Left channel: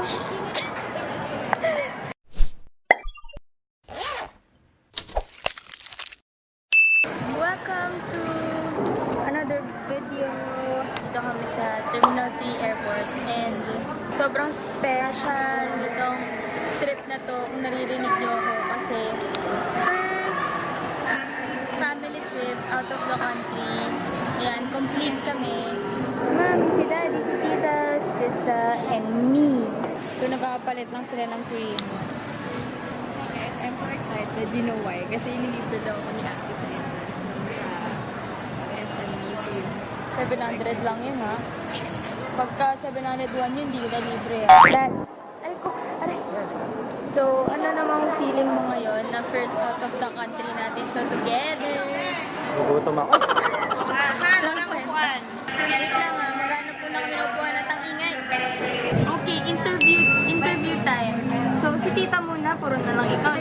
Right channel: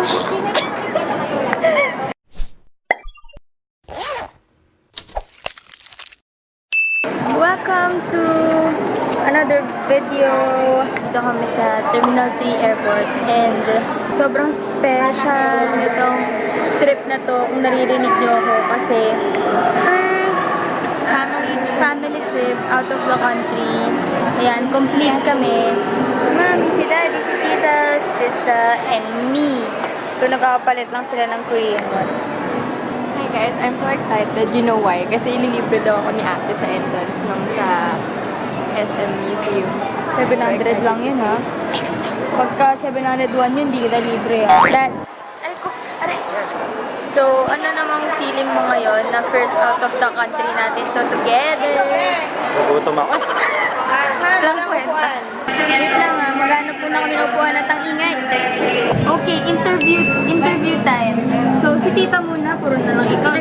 Welcome to another video. Dito kami sa Terminal 3 Airport and sobrang special nitong trip na to kung naririnig niyo ako kasi first family trip out of the country. Ayan, complete kami. Mami, si Daddy, si Tita, Sisa, and me. So nagkakapalit lang sila ng Korean one. Hey guys, I'm so excited. You know why? Kasi ililibre daw ako ni ate sa entrance nung sa SM Museum. 700 lang yun, ha? Pagka 701 yun, di kita libre, ha? Dad, aray ko, aray. So, ano namang feeling mo ngayon na first out of the country natin to together? Gugutom ako. Lang kwenta. Wait lang, ha? Maghanap po na kami ng upuan at ang ingay. Okay, interview time. So, si Tita muna, puro na lang ikaw.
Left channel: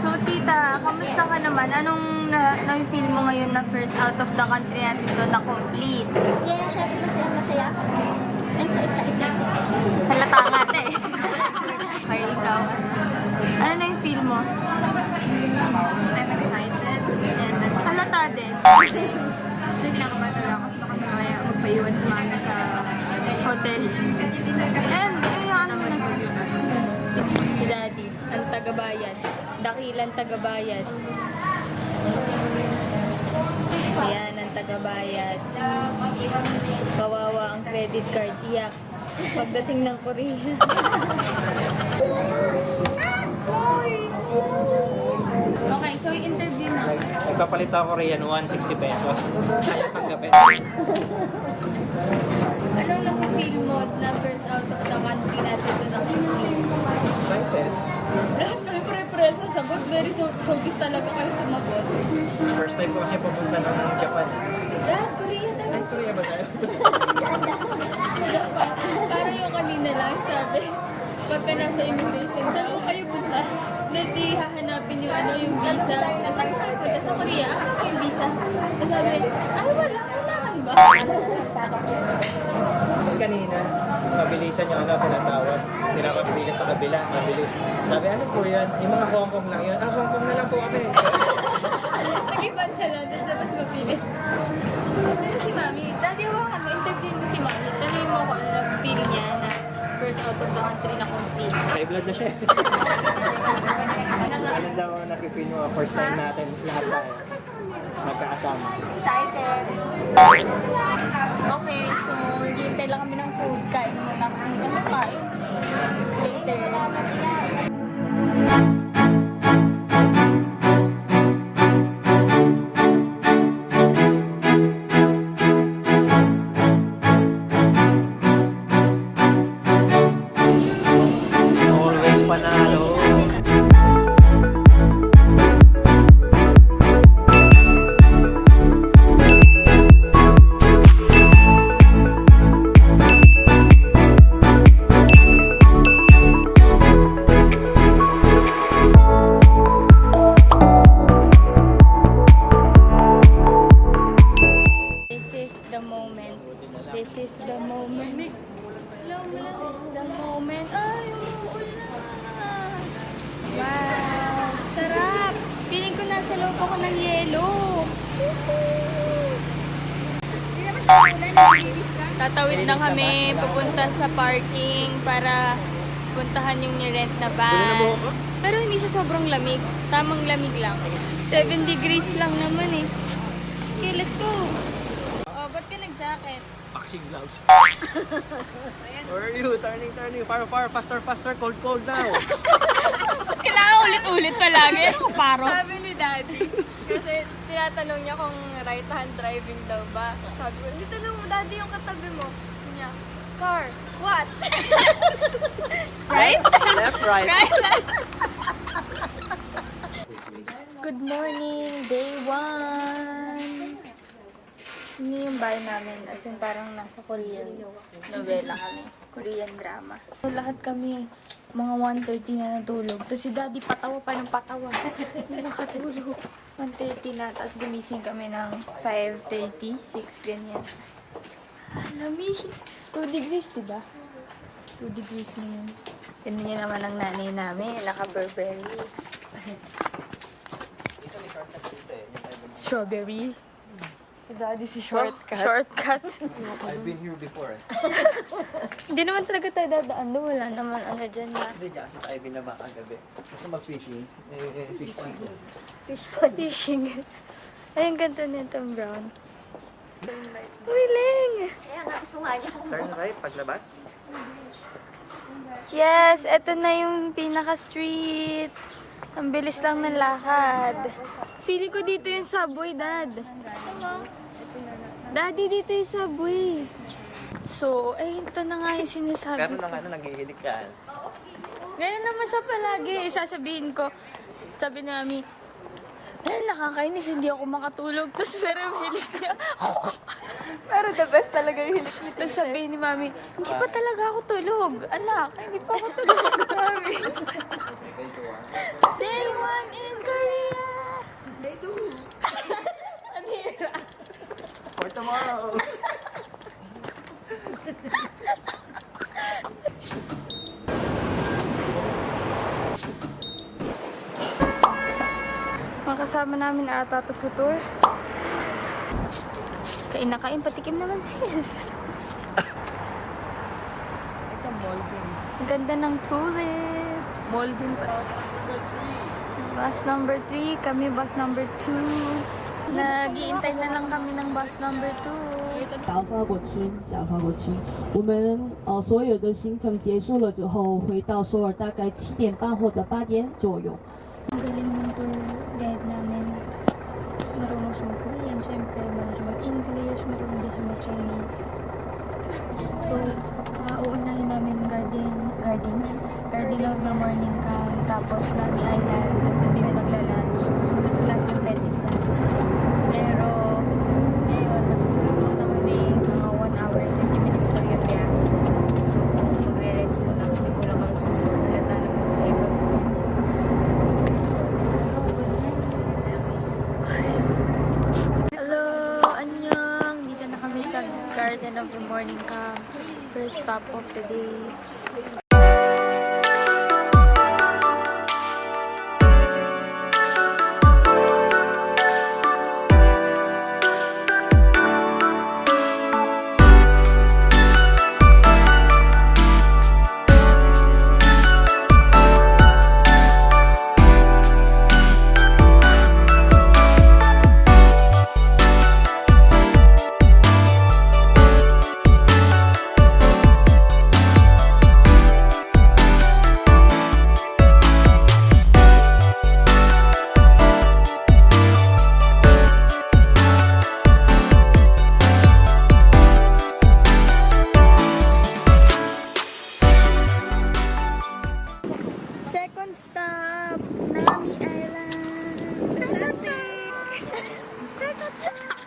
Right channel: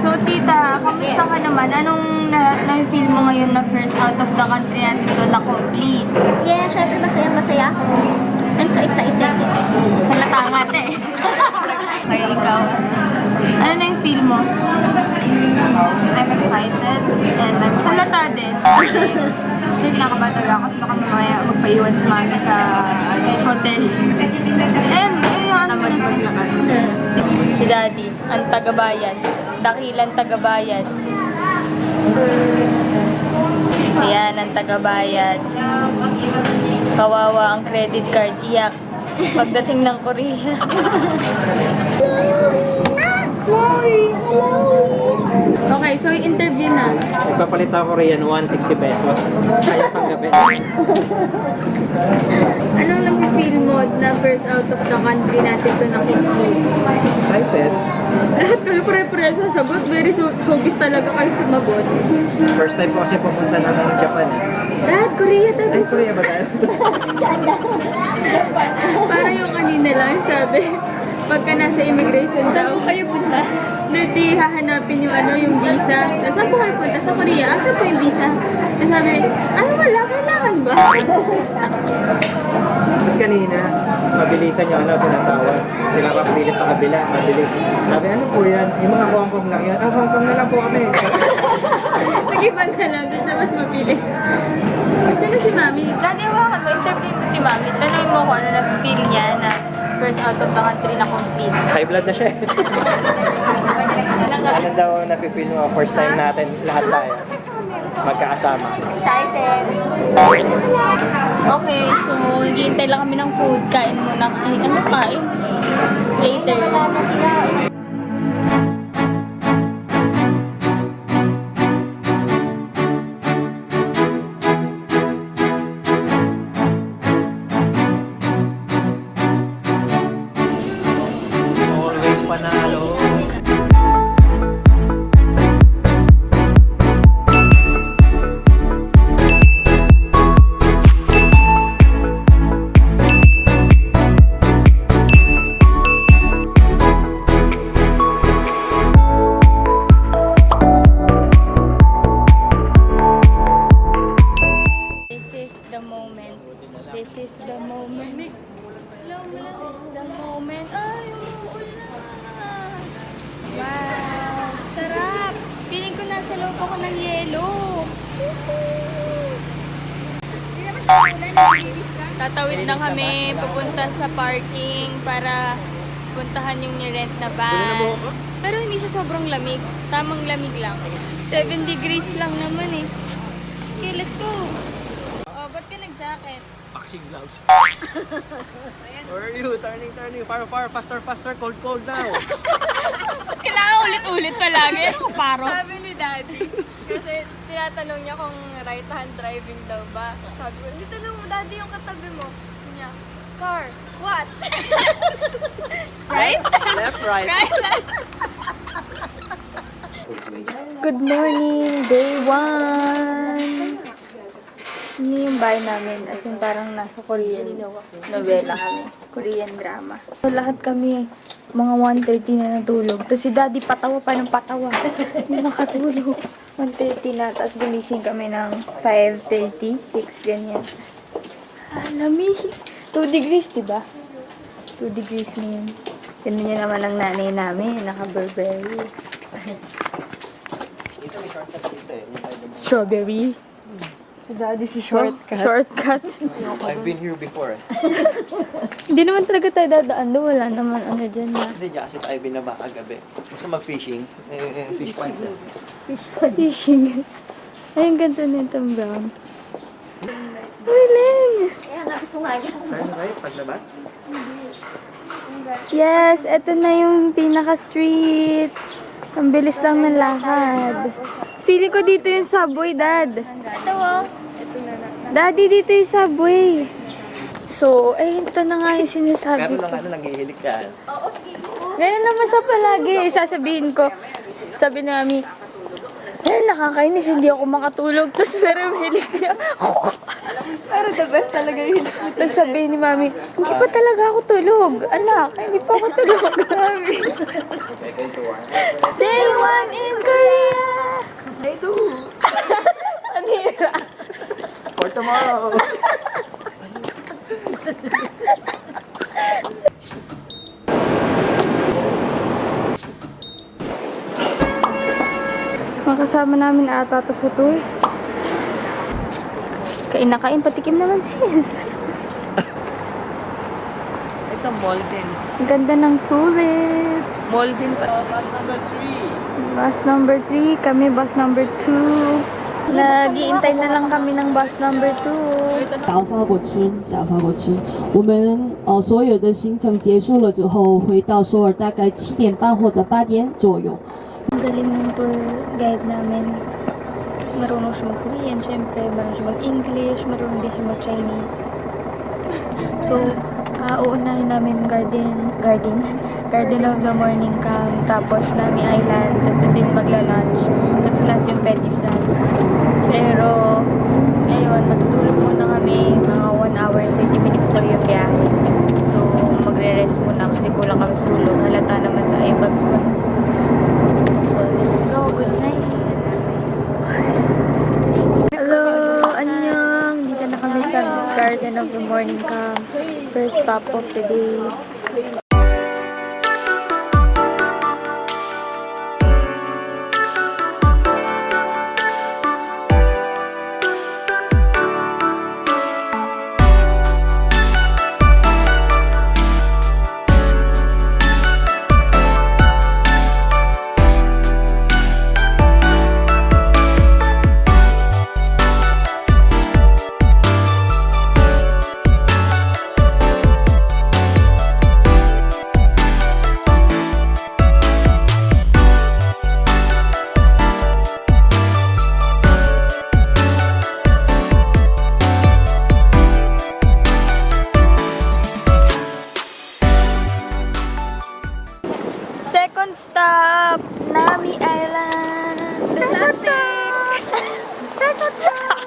So, Tita, kamusta ka naman? Anong na-feel mo ngayon na first out of the country natin to the complete? Yeah, syempre masaya ako. I'm so excited. Halata nga ate. Ay, ikaw. Ano na yung feel mo? I'm excited and I'm Halata din. actually kinakabahan talaga ako kasi baka mamaya magpaiwan si mami sa Hotel. And, tamad maglakad. si Daddy, ang tagabayan. Dakilan tagabayan. Ayan, ang tagabayan. Kawawa ang credit card. Iyak. Pagdating ng Korea. Okay, so interview na. Nagpapalit ako Korean 160 pesos. Ayaw tanggapin. Anong nafe-feel mo na first out of the country natin to na-complete? Excited. Pare-pare sa sagot. Very showbiz talaga kayo sumagot. First time ko kasi pumunta na ng Japan. Dad, Korea tayo. Ay, Korea ba tayo? Parang yung kanina lang sabi, pagka nasa immigration daw, kayo punta. Hindi hahanapin yung yung visa. Saan po kayo punta? Sa Korea? Saan po yung visa? Sabi, wala, kailangan ba? Tapos kanina, mabilisan yung tinatawag. Pinapabilis sa kabila, mabilis. Sabi, ano po yan? Yung mga Hong Kong lang yan. Hong Kong na lang po kami. Sige, bang na lang. Doon na mas mapili. Sino si Mami? Dati hawakan mo, interview mo si Mami. Tanong mo kung ano na-feel niya na first out of the country na complete. High blood na siya. Ano daw napipil mo? First time natin lahat tayo. Magkakasama. Excited. Okay, so naghihintay lang kami ng food. Kain muna. Ay, ano kain? Later. Always panalo. This is the moment. This is the moment. Ay, umuulan. Wow, sarap. Piling ko nasa loob ako ng yelo. Tatawid lang kami papunta sa parking para puntahan yung nirent na van. Pero hindi siya sobrang lamig. Tamang lamig lang. 7 degrees lang naman eh. Okay, let's go. Oh, ba't ka nag-jacket? Boxing gloves. Where are you? Turning. Far, faster. Cold now. Ba't kailangan ulit-ulit palagi? Paro. Sabi ni Daddy, kasi tinatanong niya kung right hand driving daw ba. Sabi ko, dito lang mo Daddy yung katabi mo. Sabi niya, car, what? Right? Left, right. Good morning, day 1. Ini yung bahay namin. As in, parang nasa Korean novela kami. Korean drama. So, lahat kami, mga 1:30 na natulog. Tapos si Daddy patawa pa ng patawa. Hindi makatulog. 1:30 na. Tapos gumising kami ng 5:30, 6, ganyan. Lamig. 2 degrees, diba? 2 degrees ngayon. Ganun niya naman ang nanay namin, naka-Burberry. Dito may shortcut dito eh. Strawberry. Daddy si shortcut. Shortcut. I've been here before. Hindi naman talaga tayo dadaan doon. Wala naman ano dyan na. Hindi, kasi tayo binaba kagabi. Gusto mag-fishing. Fish point na. Fishing. Ay, ang ganda nitong brown. Wiling! Kaya nga gusto nga niya. Ano kayo? Paglabas? Yes, eto na yung pinaka-street. Ang bilis lang ng lakad. Feeling ko dito yung subway, Dad. Ito oh. Daddy, dito yung subway. So, ito na nga yung sinasabi Pero ko. lang nangihilig ka. Ganyan naman siya palagi. Sasabihin ko, sabi ni Mami, nakakainis, hindi ako makatulog. Tapos pero hilig niya. Pero the best talaga yun. Tapos sabihin ni Mami, hindi pa talaga ako tulog. Anak, hindi pa ako tulog. Mami. Day 1 in Korea! Day 2! Anira. For tomorrow! Makasama namin ata to sa tour. Kain na kain, patikim naman sis. Ito molten. Ang ganda ng tulips. Molten pa. Bus number 3, kami bus number 2. Nagiintay na lang kami ng bus number 2. 想要发过吃，想要发过吃。我们所有的行程结束了之后，回到首尔大概7点半或者8点左右。 Ang galing ng tour guide namin. Marunong siya mag-Korean, syempre. Marunong siya mag-English, marunong din siya mag-Chinese. So, uunahin namin Garden of the Morning Camp, tapos Nami Island, tapos doon din magla-lunch, tapos last yung Petty France. Pero, ngayon, matutulog muna kami, mga 1 hour and 30 minutes daw yung biyahe. So, magre-rest muna kasi kulang kami sulog. Halata naman sa earbuds ko. So, let's go. Good night. Hello! Annyeong! Dito na kami sa Garden of the Morning Camp. First stop of the day. Second stop, Nami Island. Second stop. Second stop.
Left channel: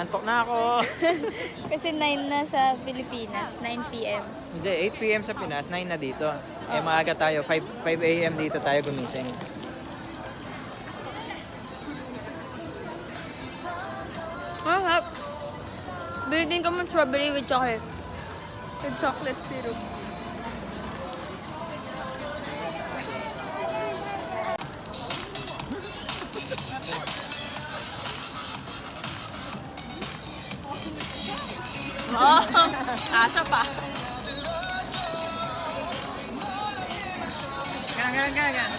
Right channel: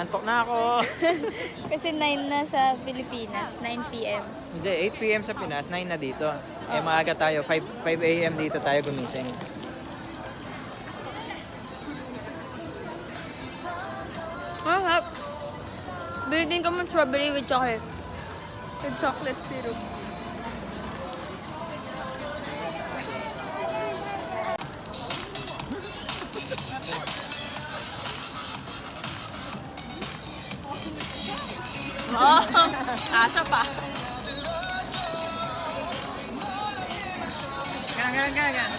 Antok na ako. Kasi 9 na sa Pilipinas, 9 p.m. Hindi, 8 p.m. sa Pinas, 9 na dito. Eh, maaga tayo, 5 a.m. dito tayo gumising. Mahap. Bili din ka mo strawberry with chocolate. With chocolate syrup. Oh, asa pa. Gan.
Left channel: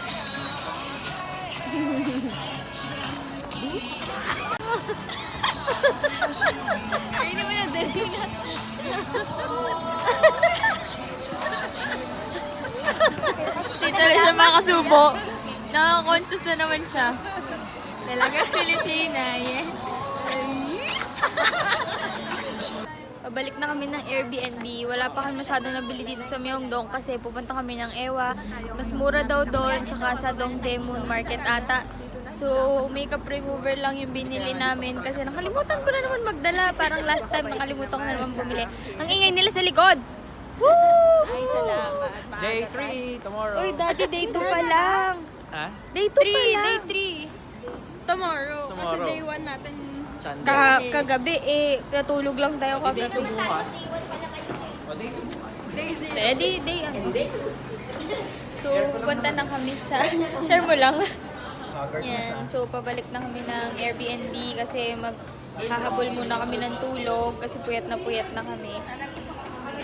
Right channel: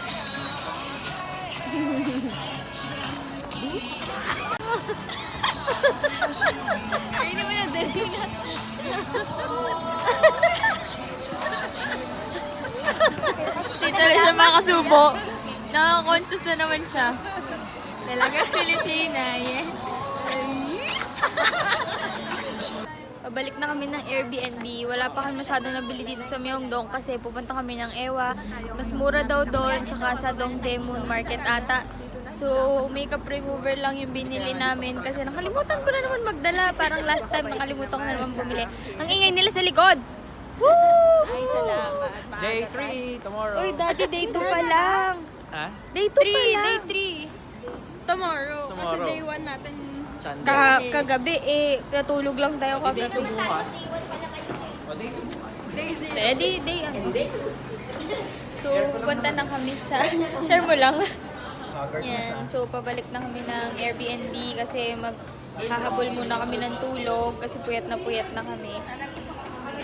nakasubo. Nakaka-conscious na naman siya. Talaga Pilipina, yeah. Pabalik na kami ng Airbnb. Wala pa kami masyadong nabili dito sa Myeongdong kasi pupunta kami ng Ewa. Mas mura daw doon, tsaka sa Dongdaemun Market ata. So, makeup remover lang yung binili namin kasi nakalimutan ko na naman magdala. Parang last time nakalimutan ko na naman bumili. Ang ingay nila sa likod! Woo! Ay, salamat. Day 3, tomorrow. Uy, dati day 2 pa lang. Ha? Day 2 pa lang. Day 3. Tomorrow. Kasi Tomorrow. day 1 natin. Sunday. Kagabi natulog lang tayo Day 2 kagabi. bukas. O, day 2 bukas. Day 0. Day ano. So, pupunta na kami sa... Share mo lang. Yan. So, pabalik na kami ng Airbnb kasi maghahabol muna kami ng tulog kasi puyat na kami.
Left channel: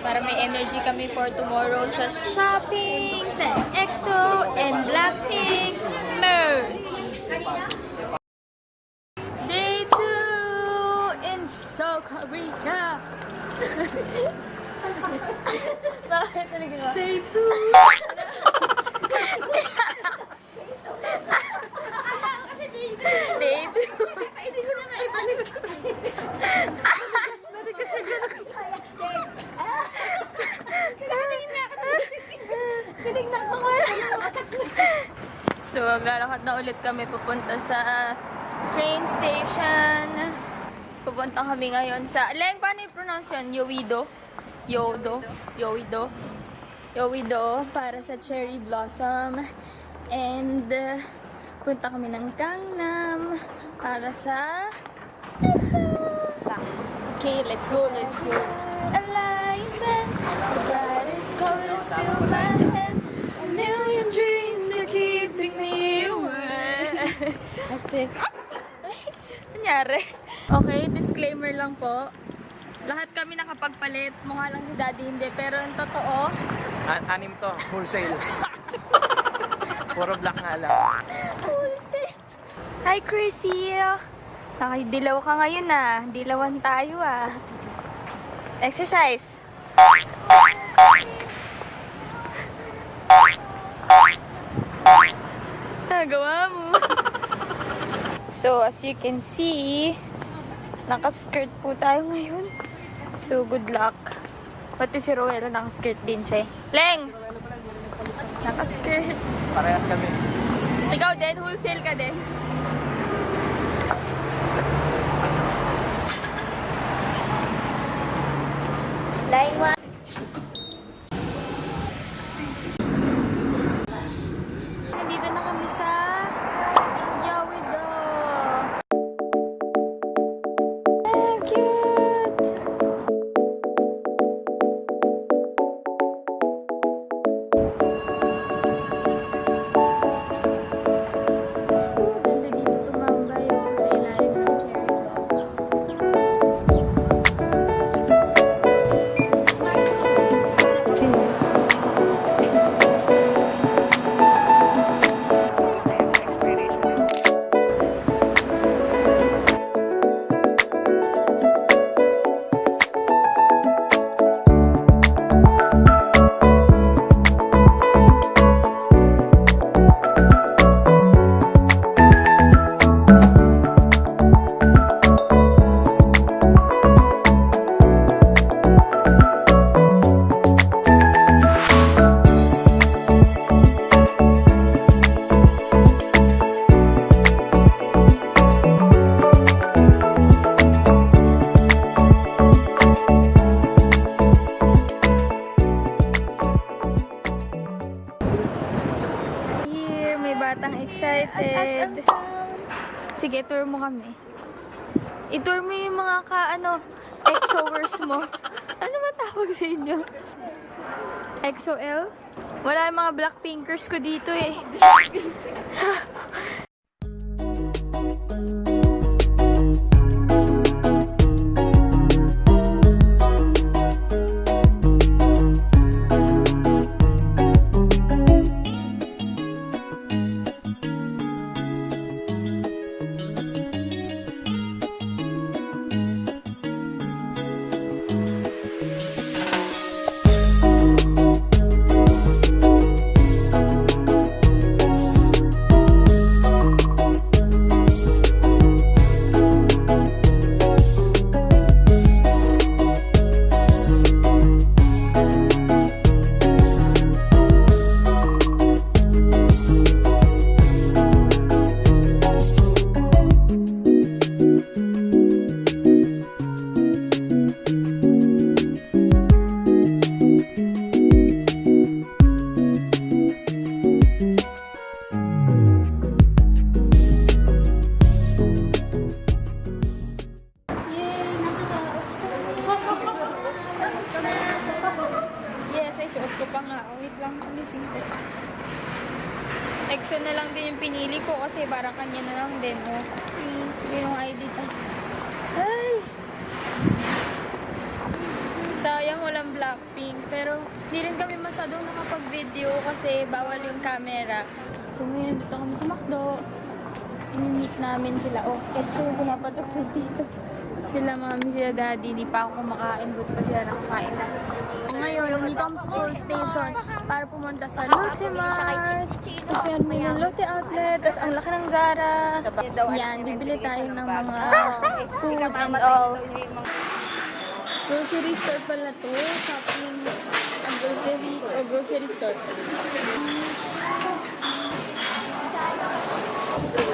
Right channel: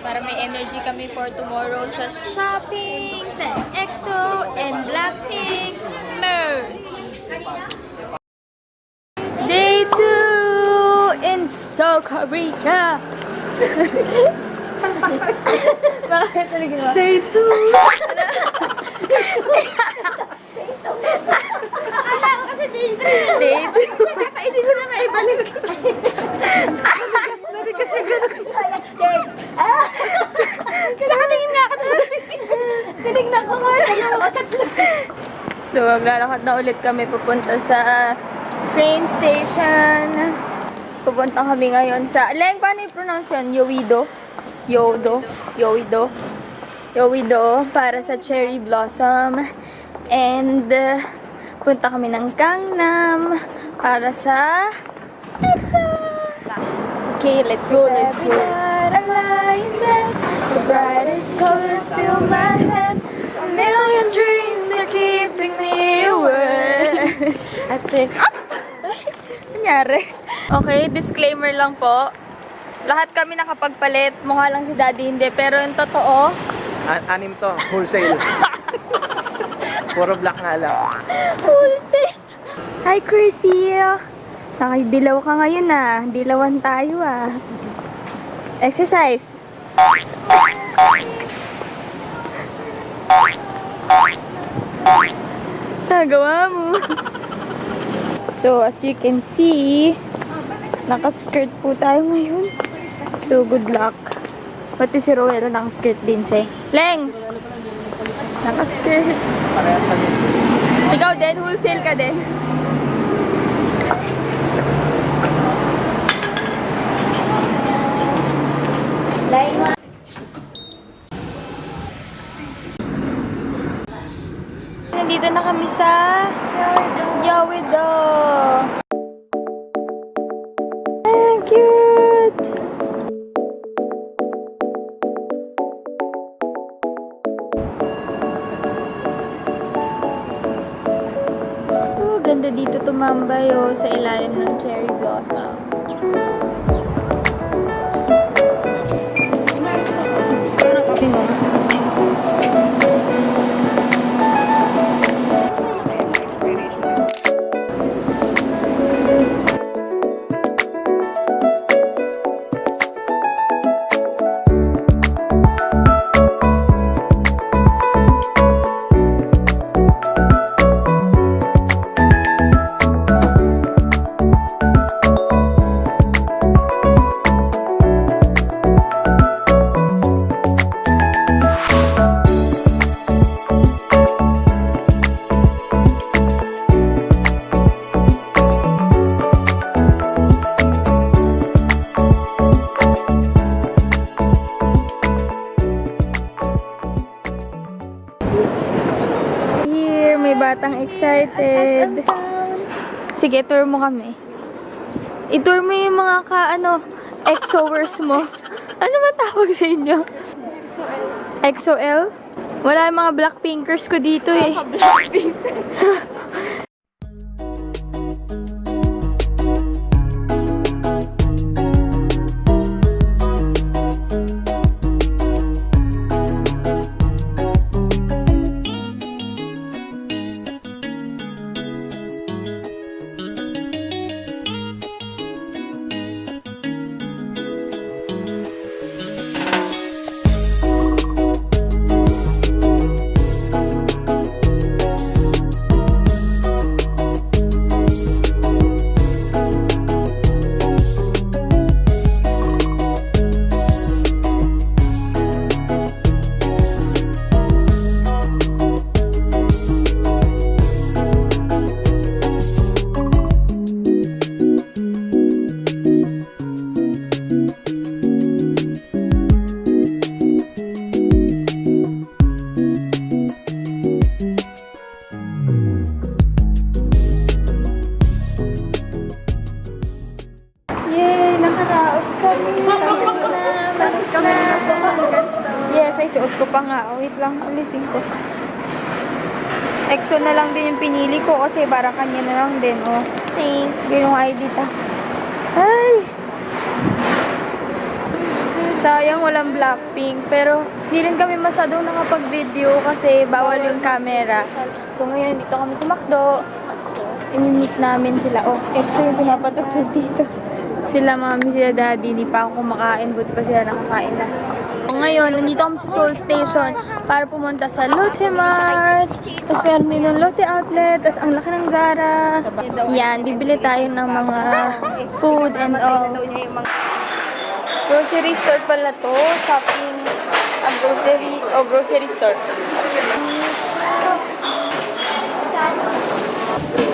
Para may energy kami for tomorrow sa shopping, sa EXO, and Blackpink merch. Day 2 in South Korea. Bakit talaga ba? Day 2. Akala ko kasi day 3. Day 2. Hindi ko na maibalik. Natigas yung gano'n. Nakatingin nga ako sa tinignan ko nga. So, maglalakad na ulit kami papunta sa train station. Pupunta kami ngayon sa... Leng, paano i-pronounce yun? Yowido. Para sa Cherry Blossom. And, punta kami ng Gangnam para sa EXO! Okay, let's go. Alignment, the brightest colors fill my head. A million dreams are keeping me awake. I think... Nangyari? Okay, disclaimer lang po. Lahat kami nakapagpalit. Mukha lang si Daddy hindi. Pero yung totoo... Anim to, wholesale. Puro black nga lang. Wholesale. Hi, Chrissy. Nakidilaw ka ngayon ah. Dilawan tayo ah. Exercise. Nagawa mo. So, as you can see, naka-skirt po tayo ngayon. So, good luck. Pati si Rowella naka-skirt din siya. Leng! Naka-skirt. Parehas kami. Ikaw din, wholesale ka din. Nandito na kami sa Yowido. Ang cute! Ganda dito tumambay sa ilalim ng cherry blossom. May batang excited. Sige, tour mo kami. I-tour mo yung mga exowers mo. Ano ba tawag sa inyo? XOL? Wala yung mga Blackpinkers ko dito eh. Yes, ay suot ko pa nga. Oh, wait lang, alisin ko. EXO na lang din yung pinili ko kasi para kanya na lang din. Oh, Thanks. yung ID tag. Ay! Sayang walang Blackpink. Pero hindi rin kami masyadong nakapag-video kasi bawal yung camera. So ngayon dito kami sa McDo. I-meet namin sila. Oh, EXO yung pinapatugtog dito. Sila mami, sila daddy. Hindi pa ako kumakain. Buti pa sila nakakain na. Ngayon, nandito kami sa Seoul Station para pumunta sa Lotte Mart. Tapos meron din ng Lotte Outlet. Tapos ang laki ng Zara. Yan, bibili tayo ng mga food and all. Grocery store pala to. Shopping. Grocery store.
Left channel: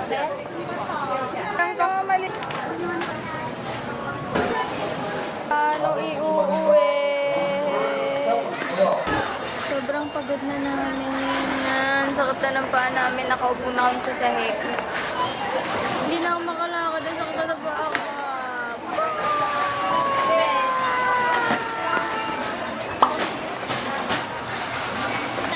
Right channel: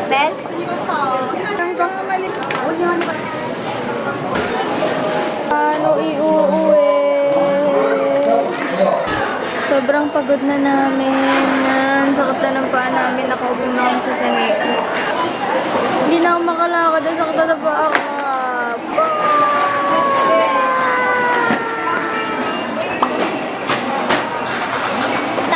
Ben? Ano iuuwi? Sobrang pagod na namin. Yan, sakit na ng paa namin. Nakaupo na kami sa sanita. Hindi na ako makalakad. Sakit na pa ako.